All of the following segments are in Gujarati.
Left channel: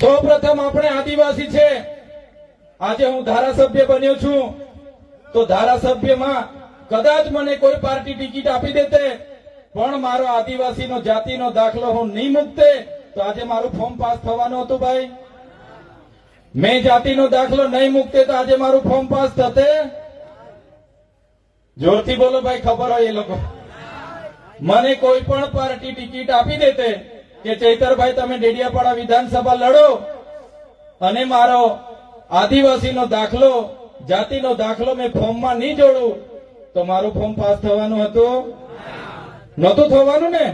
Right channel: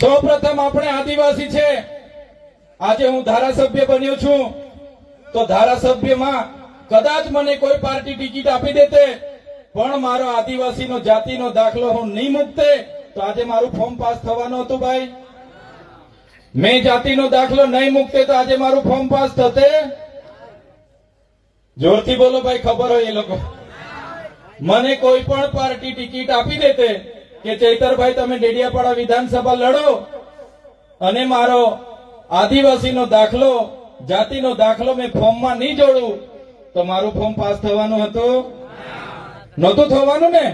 સૌપ્રથમ આપણે આદિવાસી છે. આજે હું ધારાસભ્ય બન્યો છું તો ધારાસભ્યમાં કદાચ મને કોઈ પાર્ટી ટિકિટ આપી દેતે પણ મારો આદિવાસીનો જાતિનો દાખલો હું નહીં મૂકતે તો આજે મારું ફોર્મ પાસ થવાનું હતું ભાઈ. મેં જાતિનો દાખલો નહીં મૂકતે તો આજે મારું ફોર્મ પાસ થતે. જોરથી બોલો ભાઈ, ખબર હોય એ લોકો. મને કોઈ પણ પાર્ટી ટિકિટ આપી દેતે કે ચૈતરભાઈ તમે ડેડિયાપાડા વિધાનસભા લડો અને મારો આદિવાસીનો દાખલો જાતિનો દાખલો મેં ફોર્મમાં નહીં જોડું તો મારું ફોર્મ પાસ થવાનું હતું? નહોતું થવાનું ને.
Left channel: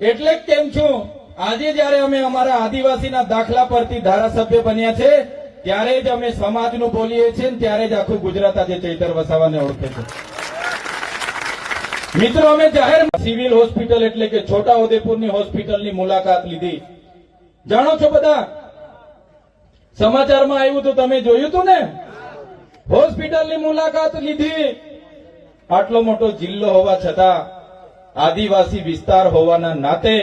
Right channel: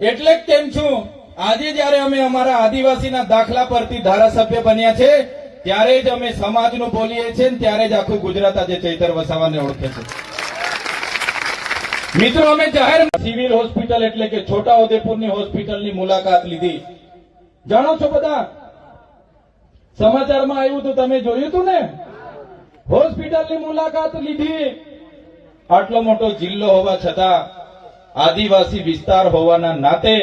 એટલે જ કેમ છું આજે જયારે અમે અમારા આદિવાસીના દાખલા પરથી ધારાસભ્ય બન્યા છે ત્યારે જ અમે સમાજનું બોલીએ છીએ ને ત્યારે જ આખું ગુજરાત આજે ચૈતર વસાવાને ઓળખે છે. મિત્રો, અમે જાહેર સિવિલ હોસ્પિટલ એટલે કે છોટાઉદેપુરની હોસ્પિટલની મુલાકાત લીધી. જાણો છો બધા, સમાચારમાં આવ્યું તો તમે જોયું હતું ને. હોસ્પિટલની મુલાકાત લીધી. આટલો મોટો જિલ્લો હોવા છતાં આદિવાસી વિસ્તાર હોવાના નાતે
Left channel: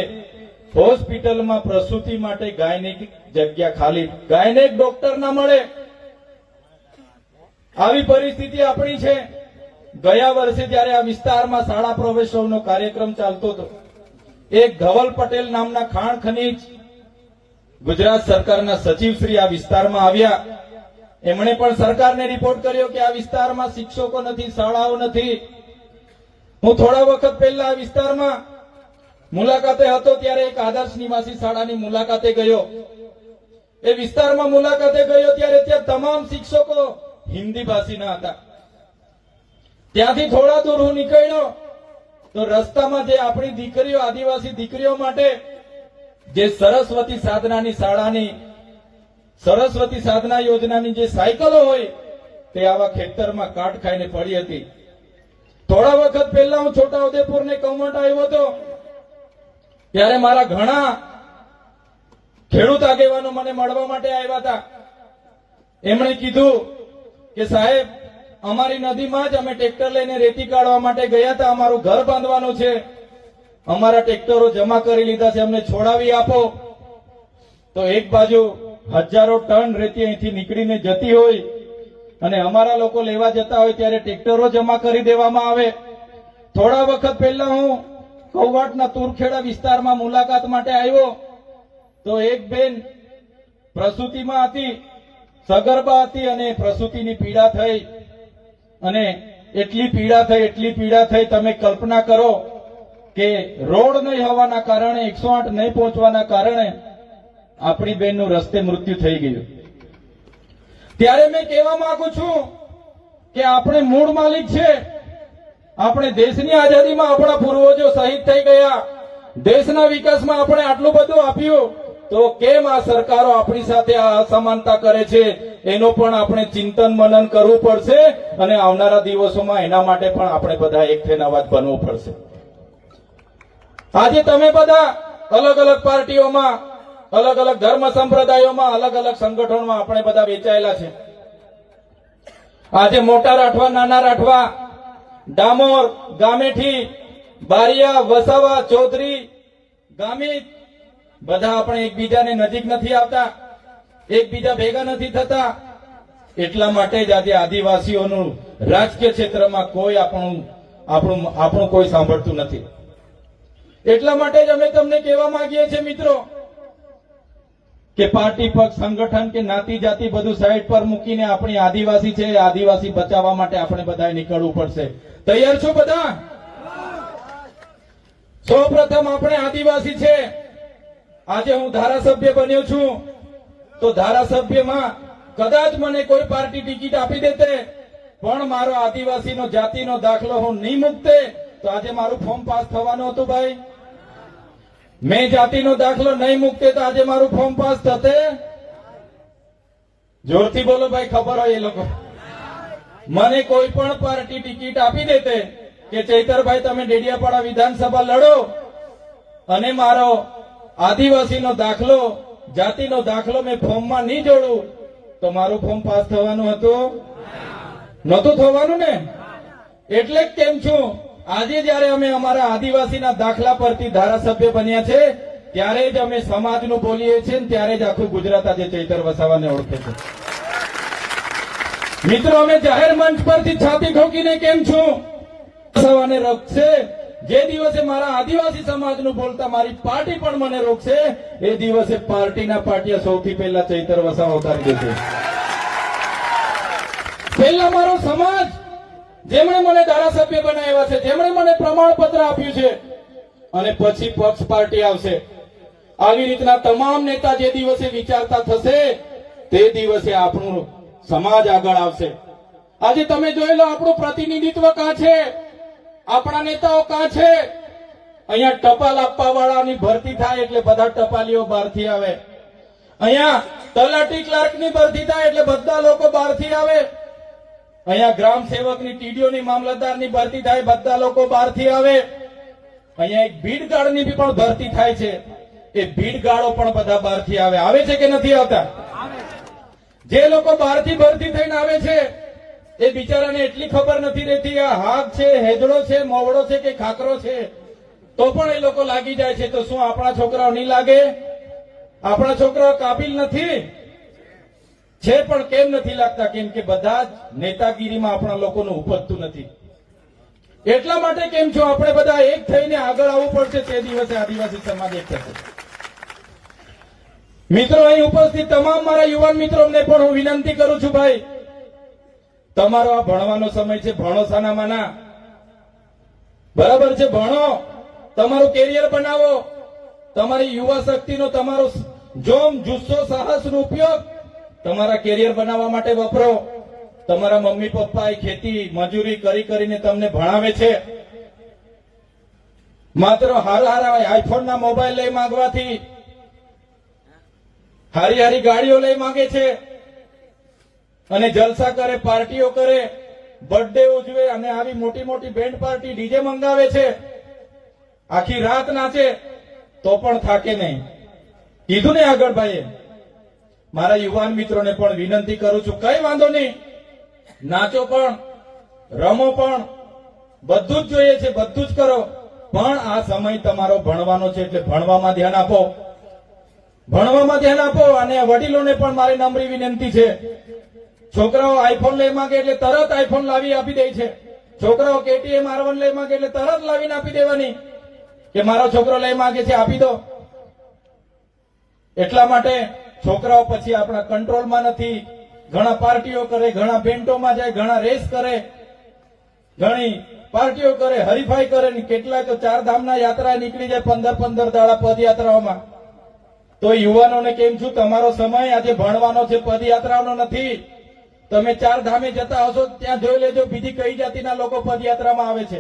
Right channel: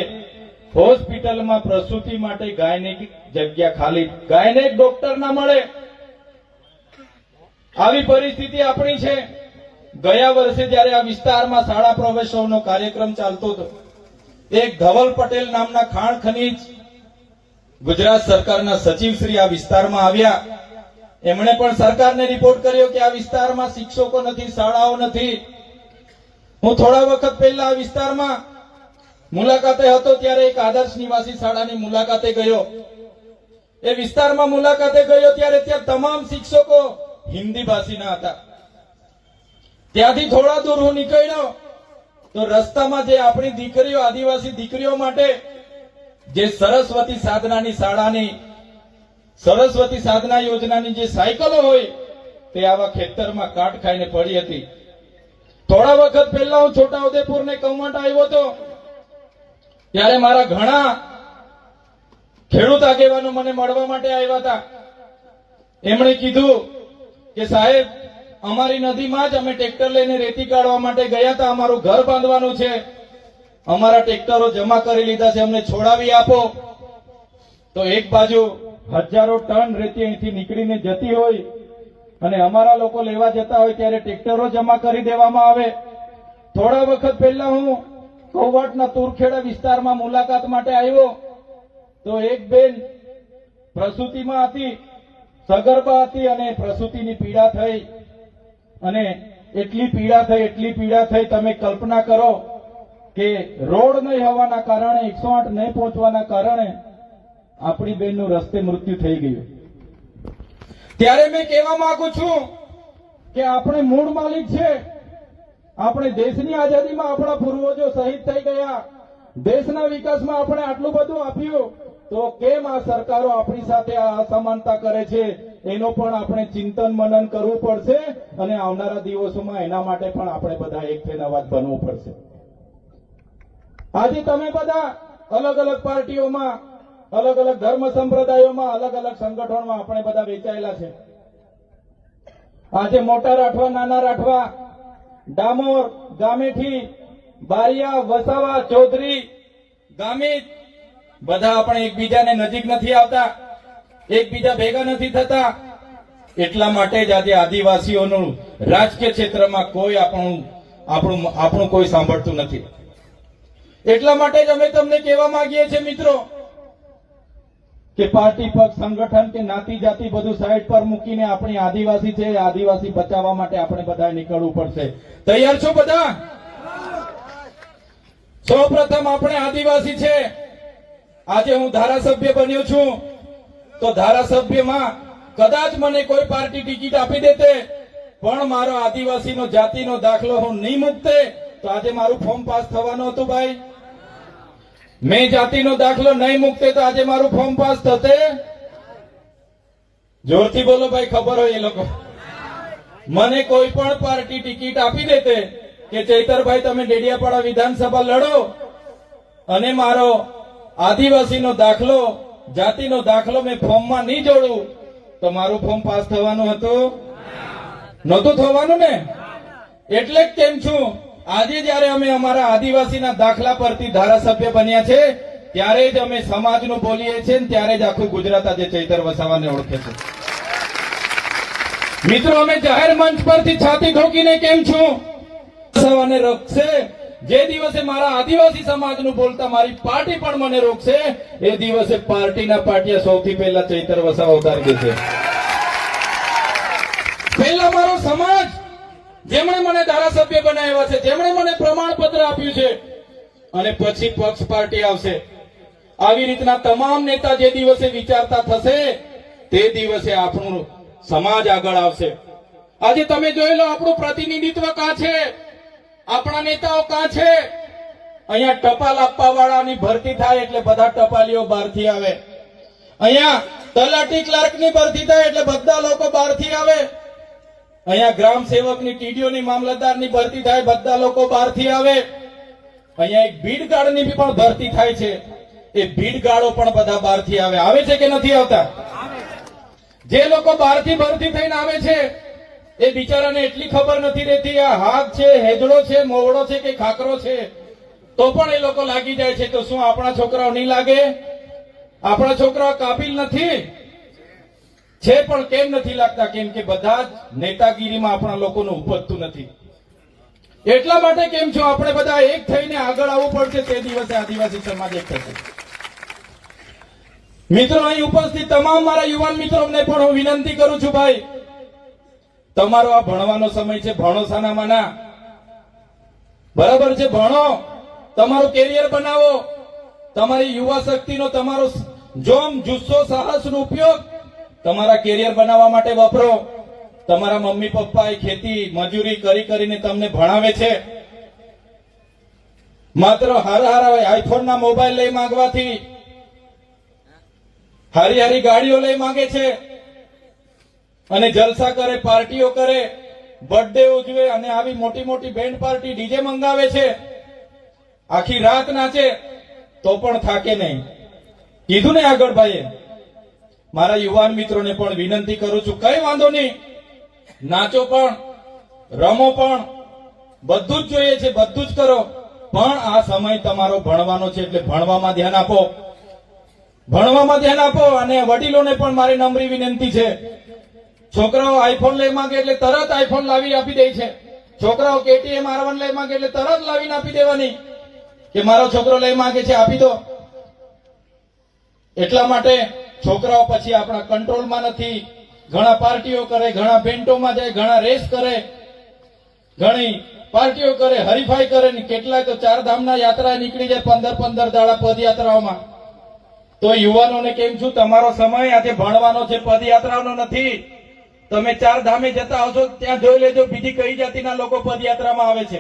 હોસ્પિટલમાં પ્રસૂતિ માટે ગાયનેક જગ્યા ખાલી, ગાયનેક ડોક્ટર ના મળે. આવી પરિસ્થિતિ આપણી છે. ગયા વર્ષે જયારે આ વિસ્તારમાં શાળા પ્રવેશોનો કાર્યક્રમ ચાલતો હતો, એક ધવલ પટેલ નામના ખાણ ખનીજ ગુજરાત સરકારના સચિવશ્રી આ વિસ્તારમાં આવ્યા. એમણે પણ સરકારને રિપોર્ટ કર્યો કે આ વિસ્તારમાં શિક્ષકો નથી, શાળાઓ નથી. હું થોડા વખત પહેલા આ વિસ્તારમાં મુલાકાતે હતો ત્યારે એક આદર્શ નિવાસી શાળાની મુલાકાતે ગયો. એ વિસ્તારમાં મુલાકાતે ગયો ત્યારે ત્યાં તમામ શિક્ષકો હિન્દી ભાષીના હતા. ત્યાંથી થોડા દૂર હું નીકળ્યો તો રસ્તામાં જે આપણી દીકરીઓ, આદિવાસી દીકરીઓ માટે જે સરસ્વતી સાધનાની શાળાની, સરસ્વતી સાધના યોજનાની જે સાયકલો હોય તે આવા ખેતરમાં કાટ ખાઈને પડી હતી. થોડા વખત પહેલા હું છોટાઉદેપુર ને કૌમટ આવ્યો હતો ત્યારે મારા ઘણા ખેડૂત આગેવાનો મને મળવા માટે આવ્યા હતા. એમણે કીધું કે સાહેબ, અમારી નદીમાં જ અમે ટ્રેક્ટર લઈને રેતી કાઢવા માટે ગયા હતા, અમારું ઘર બાંધવાનું છે, અમારા ટ્રેક્ટરો જમા કરી લીધા છે, અમને છોડાવી આપો. તો એક બાજુ હજારો ટન રેતી અહીંથી નીકળીને જતી હોય અને અમારા લોકો લેવા જતા હોય ત્યારે ટ્રેક્ટરો જમા કરી દેવામાં આવે. થોડા વખત પહેલા હું કૌવાટના તુરખેડા વિસ્તારમાં મુલાકાત માટે આવ્યો તો એક બેન પ્રસૂતિમાં હતી, સગર્ભા હતી અને પ્રસૂતિની પીડા થઈ અને એટલી પીડા થઈ તમે કલ્પના કરો કે રોડ નહીં હોવાના કારણે, 108 નહીં પહોંચવાના કારણે આપણી બેનનું રસ્તે મૃત્યુ થઈ ગયું. ત્યારે મેં કહેવા માંગુ છું કે આપણે મૂળ માલિક છે. આપણે દેશની આઝાદીમાં આપણા પૂર્વજો શહીદ થઈ ગયા, દેશના વિકાસમાં આપણે આટલું બધું આપ્યું, તો કેમ આ સરકારો આપણી સાથે આ અસમાનતા કરે છે? એનો પણ આપણે ચિંતન મનન કરવું પડશે અને આવનારા દિવસોમાં એના માટે પણ આપણે બધા એક થઈને અવાજ બનવું પડશે. આજે તમે બધા અલગ અલગ પાર્ટીઓમાં, અલગ અલગ ધર્મ સંપ્રદાયોમાં, અલગ અલગ સંગઠનોમાં આપણે બધા વેચાયેલા છે. આજે મોટા રાઠવા, નાના રાઠવા, ડામોર, ગામેઠી, બારિયા, વસાવા, ચૌધરી, ગામિત બધા આપણે એકબીજાને નજીક નથી આવતા, એકબીજા ભેગા નથી થતા. એટલા માટે જ આજે આદિવાસીઓનું રાજકીય ક્ષેત્રમાં કોઈ આપણું કોઈ સાંભળતું નથી. એટલા માટે જ અમે તમને કહેવા માંગીએ છીએ મિત્રો કે પાર્ટી, પક્ષ, સંગઠન કે નાતી જાતિ બધું સાઈડ પર મૂકીને આપણી આદિવાસી છે, આદિવાસી બચાવવા માટે આપણે બધાએ નીકળવું પડશે. તૈયાર છો બધા? સૌપ્રથમ આપણે આદિવાસી છે. આજે હું ધારાસભ્ય બન્યો છું તો ધારાસભ્યમાં કદાચ મને કોઈ પાર્ટી ટિકિટ આપી દેતે પણ મારો આદિવાસીનો જાતિનો દાખલો હું નહીં મૂકતે તો આજે મારું ફોર્મ પાસ થવાનું હતું ભાઈ. મેં જાતિનો દાખલો નહીં મૂકતે તો આજે મારું ફોર્મ પાસ થતે. જોરથી બોલો ભાઈ, ખબર હોય એ લોકો. મને કોઈ પણ પાર્ટી ટિકિટ આપી દેતે કે ચૈતરભાઈ તમે ડેડિયાપાડા વિધાનસભા લડો અને મારો આદિવાસીનો દાખલો, જાતિનો દાખલો મેં ફોર્મમાં નહીં જોડું તો મારું ફોર્મ પાસ થવાનું હતું? નહોતું થવાનું ને. એટલે જ કેમ છું આજે જયારે અમે અમારા આદિવાસીના દાખલા પરથી ધારાસભ્ય બન્યા છે ત્યારે જ અમે સમાજનું બોલીએ છીએ ને ત્યારે જ આખું ગુજરાત આજે ચૈતર વસાવાને ઓળખે છે. મિત્રો, અમે જાહેર મંચ પરથી છાતી ઠોકીને કેમ છું વસાવાને રોકશે, જે દિવસે મારા આદિવાસી સમાજનું બોલતા મારી પાર્ટી પણ મને રોકશે, એ દિવસે પાર્ટીના પાટિયા સૌથી પહેલા ચૈતર વસાવા ઉતારી દેશે. પહેલા મારો સમાજ, જેમણે મને ધારાસભ્ય બનાવ્યા છે, જેમણે મને પ્રમાણપત્ર આપ્યું છે, અને પછી પક્ષ પાર્ટી આવશે. આવી રીતના તમામ નેતા જે દિવસે વિચારતા થશે તે દિવસે આપણું સમાજ આગળ આવશે. આજે તમે જોઈ લો, આપણું પ્રતિનિધિત્વ કાં છે, આપણા નેતાઓ કાં છે? અહીંયા ટપાલ આપવા વાળાની ભરતી થાય એટલે બધા ટપાલીઓ બહારથી આવે. અહીંયા તલાટી ક્લાર્કની ભરતી થાય એટલે બધા લોકો બહારથી આવે. અહીંયા ગ્રામ સેવકની, ટીડીઓની, મામલતદારની ભરતી થાય, બધા લોકો બહારથી આવે. અહીંયા એક ભીડગાર્ડની પણ ભરતી થાય છે, એ ભીડગાર્ડો પણ બધા બહારથી આવે. આવે છે કે નથી આવતા? જે લોકો બહારથી ભરતી થઈને આવે છે એ બિચારાને એટલી ખબર નથી રહેતી આ હાથ છે, હેજડો છે, મોવડો છે કે ખાકરો છે, તો પણ એ લોકો લાગી જાય છે. તો શું આપણા છોકરાઓ નહીં લાગે? આપણા છોકરાઓ કાબિલ નથી છે, પણ કેમ નથી લાગતા? કેમ કે બધા જ નેતાગીરીમાં આપણા લોકોનું ઉપજતું નથી. એટલા માટે કેમ છો આપણે બધા એક થઈને આગળ આવવું પડશે, તે દિવસે આદિવાસી સમાજ એક થશે. મિત્રો, અહીં ઉપસ્થિત તમામ મારા યુવાન મિત્રોને પણ હું વિનંતી કરું છું, ભાઈ, તમારો આ ભણવાનો સમય છે, ભણો સાનામાના, બરાબર છે, ભણો, તમારું કેરિયર બનાવો, તમારી યુવા શક્તિનો, તમારો જોમ, જુસ્સો, સાહસનો ઉપયોગ તમારા કેરિયર બનાવવા માટે વાપરો. તમારા મમ્મી પપ્પાએ ખેતી મજૂરી કરી કરીને તમને ભણાવે છે. માત્ર હારા આઈફોનના મોબાઈલ લઈ માંગવાથી, હારી હારી ગાડીઓ લઈ માંગે છે અને જલસા કરે, પાર્ટીઓ કરે, બર્થડે ઉજવે અને આવી મોટી મોટી બેન્ડ પાર્ટી, ડીજે મંગાવે છે, આખી રાત નાચે તો પણ થાકે નહીં. કીધું ને આગળ ભાઈએ. મારા યુવાન મિત્રોને પણ વિનંતી કરું છું, કઈ વાંધો નહીં, નાચો પણ, રમો પણ, બધું જ જોઈએ છે, બધું જ કરો, પણ આ સમય તમારો ભણવાનો છે એટલે ભણવામાં ધ્યાન આપો, ભણવામાં ધ્યાન આપો. અને વડીલોને પણ મારી નમ્ર વિનંતી છે, છોકરાઓ આઈફોન લઈ માંગે એટલે તરત આઈફોન લાવી આપી દે છે. છોકરાઓ કેટીએમ R1 લઈ માંગે એટલે તરત લાવીને આપી દેવાની કે મારો છોકરો લઈ માંગે છે આપી દો. એટલા માટે છોકરાઓ પછી આપણા કંટ્રોલમાં નથી. ઘણા પાર્ટીઓ કરે, ઘણા બેન્ટોમાં જાય, ઘણા રેસ કરે, ઘણી પાર્ટીઓ કરે, હરીફાઈ કરે, ને કેટલાય તો 4 ધામના યાત્રા નીકળી જાય 15 દાડા પદયાત્રાઓમાં. તો યુવાનોને કેમ છું, તમારો સમય આજે ભણવાનો છે, પદયાત્રાનો નથી. તમે 4 ધામે જતા આવશો ત્યાં જોઈ લેજો બીજી કઈ જાતિના લોકો પદયાત્રામાં આવે છે.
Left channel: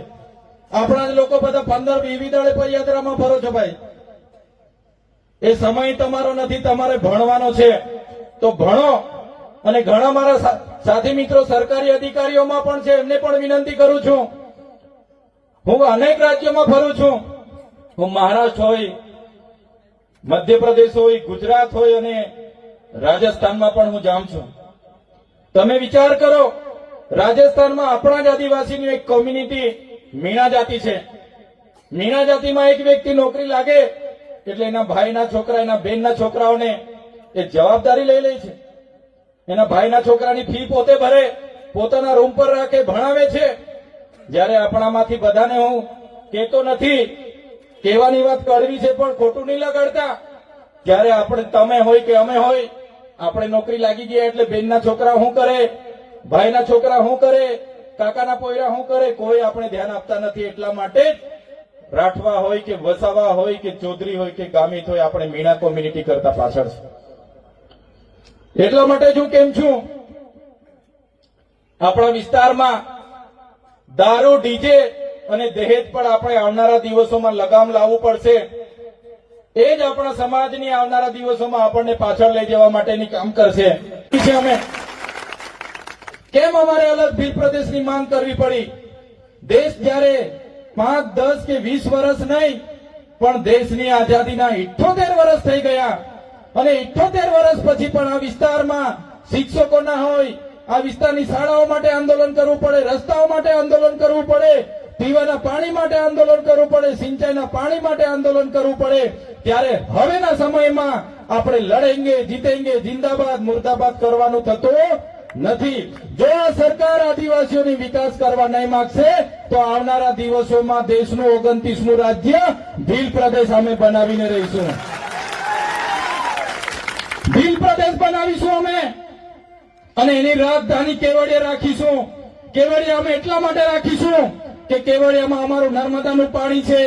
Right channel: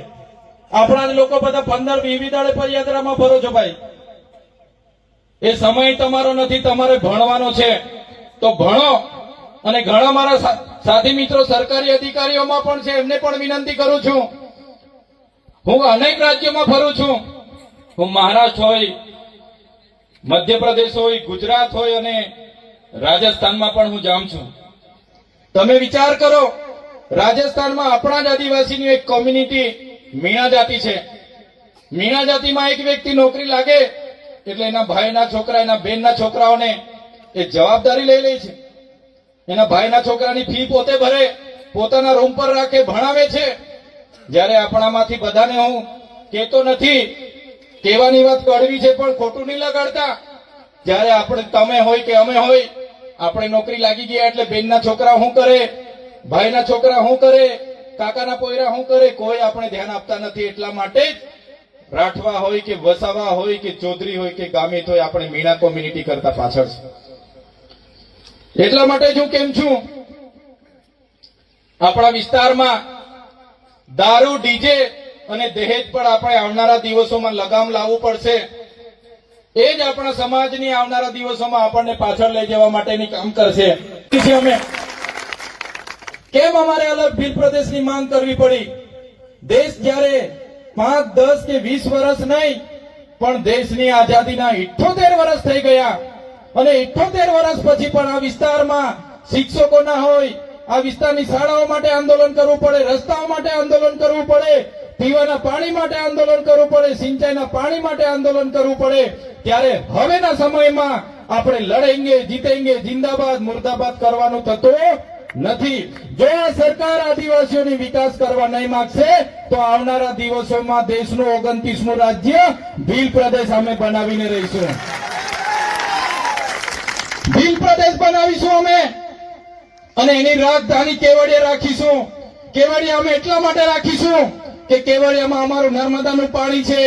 આપણા લોકો બધા 15-20 દાડે પદયાત્રામાં ફરો છો ભાઈ. એ સમય તમારો નથી, તમારે ભણવાનો છે. તો ભણો. અને ઘણા મારા સાથી મિત્રો સરકારી અધિકારીઓમાં પણ છે, એમને પણ વિનંતી કરું છું. હું અનેક રાજ્યોમાં ફરું છું. હું મહારાષ્ટ્ર હોય, મધ્યપ્રદેશ હોય, ગુજરાત હોય અને રાજસ્થાનમાં પણ હું જાઉં છું. તમે વિચાર કરો, રાજસ્થાનમાં આપણા જ આદિવાસીની એક કોમ્યુનિટી મીણા જાતિ છે. મીણા જાતિમાં એક વ્યક્તિ નોકરી લાગે એટલે એના ભાઈના છોકરા, એના બહેનના છોકરાઓને એ જવાબદારી લઈ લે છે. એના ભાઈના છોકરાની ફી પોતે ભરે, પોતાના રૂમ પર રાખે, ભણાવે છે. જ્યારે આપણામાંથી બધાને હું કહેતો નથી, કહેવાની વાત કડવી છે પણ ખોટું નહીં લગાડતા. જ્યારે આપણે, તમે હોય કે અમે હોય, આપણે નોકરી લાગી ગયા એટલે બેનના છોકરા શું કરે, ભાઈના છોકરા શું કરે, કાકાના પોયરા શું કરે, કોઈ આપણે ધ્યાન આપતા નથી. એટલા માટે જ રાઠવા હોય કે વસાવા હોય કે ચૌધરી હોય કે ગામિત હોય, આપણે મીણા કોમ્યુનિટી કરતા પાછળ છે. એટલા માટે જ હું કેમ છું, આપણા વિસ્તારમાં દારૂ, ડીજે અને દહેજ પર આપણે આવનારા દિવસોમાં લગામ લાવવું પડશે. એ જ આપણા સમાજની આવનારા દિવસોમાં આપણને પાછળ લઈ જવા માટેની કામ કરશે. અમે કેમ અમારે અલગ ભીલ પ્રદેશની માંગ કરવી પડી? દેશ જ્યારે 5, 10 કે 20 વર્ષ નહીં, પણ દેશની આઝાદીના 78 વર્ષ થઈ ગયા અને 78 વર્ષ પછી પણ આ વિસ્તારમાં શિક્ષકો ના હોય, આ વિસ્તારની શાળાઓ માટે આંદોલન કરવું પડે, રસ્તાઓ માટે આંદોલન કરવું પડે, પીવાના પાણી માટે આંદોલન કરવું પડે, સિંચાઈના પાણી માટે આંદોલન કરવું પડે, ત્યારે હવેના સમયમાં આપણે લડેંગે જીતેંગે જિંદાબાદ મુર્દાબાદ કરવાનું થતું નથી. જો આ સરકાર આદિવાસીઓની વિકાસ કરવા નહીં માંગશે તો આવનારા દિવસોમાં દેશનું 29મું રાજ્ય ભીલ પ્રદેશ અમે બનાવીને રહીશું. ભીલ પ્રદેશ બનાવીશું અમે, અને એની રાજધાની કેવડિયા રાખીશું. કેવડિયા અમે એટલા માટે રાખીશું કે કેવડિયામાં અમારું નર્મદાનું પાણી છે,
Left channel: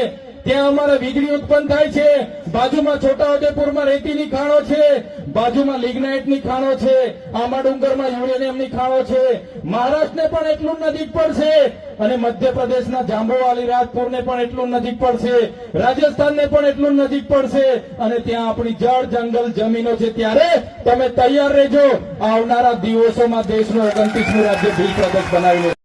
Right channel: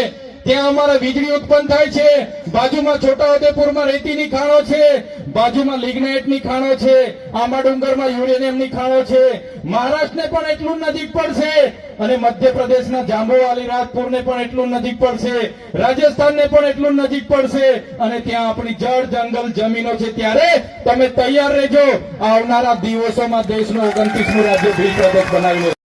ત્યાં અમારે વીજળી ઉત્પન્ન થાય છે, બાજુમાં છોટાઉદેપુરમાં રેતીની ખાણો છે, બાજુમાં લિગ્નાઇટની ખાણો છે, આંબા ડુંગરમાં યુરેનિયમની ખાણો છે. મહારાષ્ટ્રને પણ એટલું નજીક પડશે અને મધ્યપ્રદેશના જાંબુવાલી રાજપુરને પણ એટલું નજીક પડશે, રાજસ્થાનને પણ એટલું નજીક પડશે, અને ત્યાં આપણી જળ જંગલ જમીનો છે. ત્યારે તમે તૈયાર રહેજો, આવનારા દિવસોમાં દેશનું 29મું રાજ્ય ભીલ પ્રદેશ બનાવી